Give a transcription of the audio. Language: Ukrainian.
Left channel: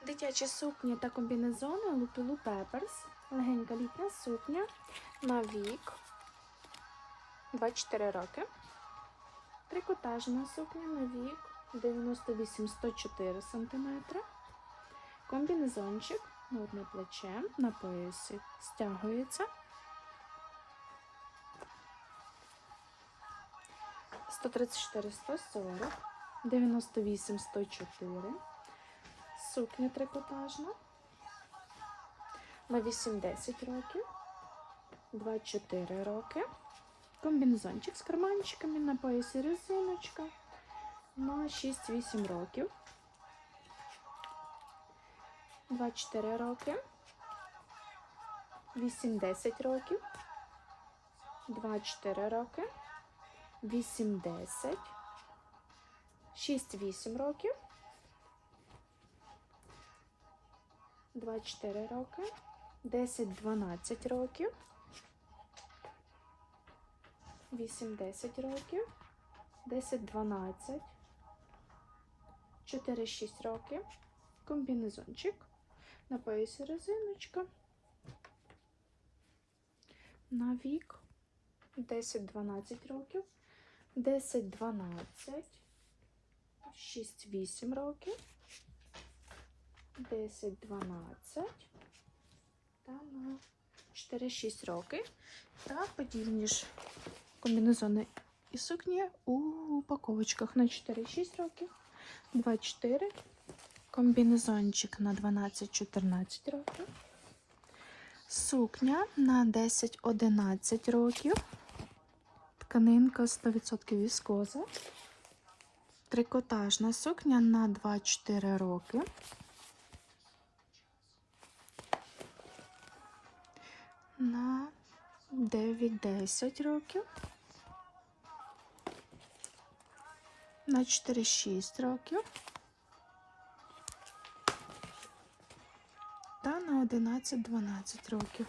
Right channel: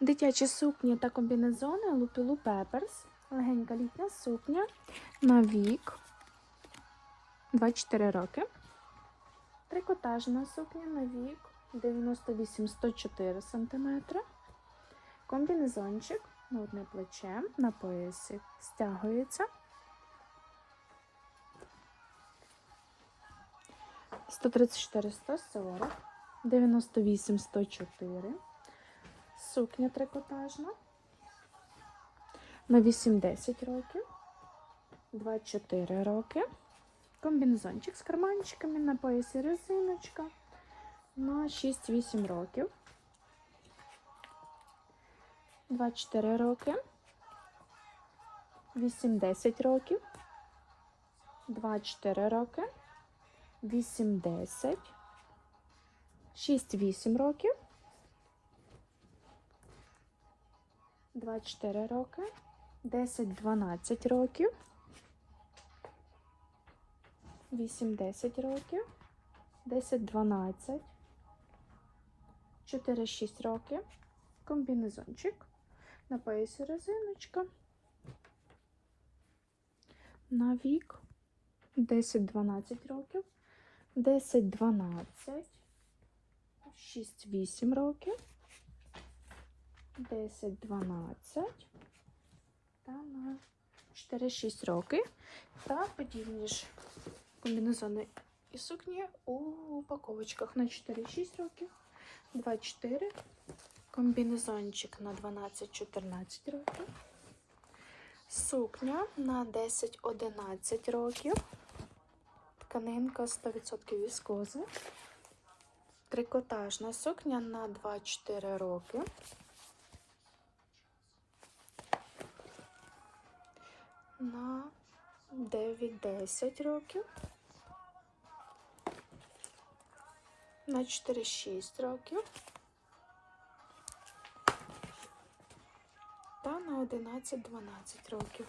Дитячі сукні та комбінезони Лупілу Пеперс. Легенька літня сукня на вік 24 роки. Трикотажна сукня на вік 98-104 см. Комбінезончик на одне плече на поясі стягується. 134 140 98 104 Сукня трикотажна на 8-10 років, 2-4 роки. Комбінезончик з карманчиками на поясі резиночка на 6-8 років. 2-4 роки. 8-10 років. 2-4 роки. 8-10. 6-8 років. 2-4 роки, 10-12 років, 8-10 років, 10-12, 4-6 років, комбінезончик, на поясі резиночка, на вік. 10-12 років, 10-12, 6-8 років. 10, 12 та на 4-6 роки. Та подібні ж комбінезони і сукні у упаковочках. На 4-6 років, 24, комбінезончик на 12-14 років, сукня на 10-11 років, тканинка 100% віскоза, трикотажна сукня на 2-4 роки. 9-10 років, на 4-6 років та на 11-12 років.